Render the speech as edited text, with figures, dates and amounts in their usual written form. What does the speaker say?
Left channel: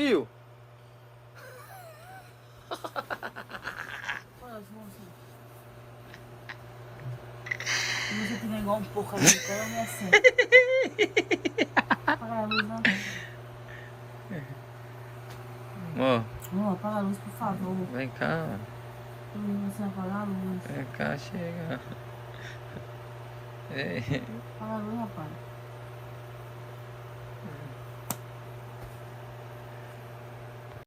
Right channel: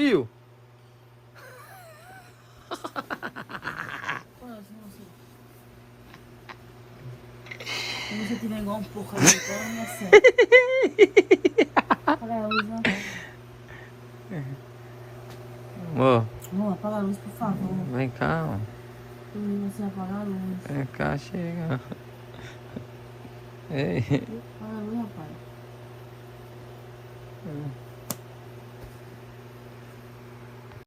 Bill? Você tiver igual um pouco aí, então me acerta. Apaga a luz, né? Amor, Amor, apaga a luz, por favor. vem cá, mano. Eu não sei apagar a luz. Vem cá, chega. Ei. Apaga a luz, rapaz.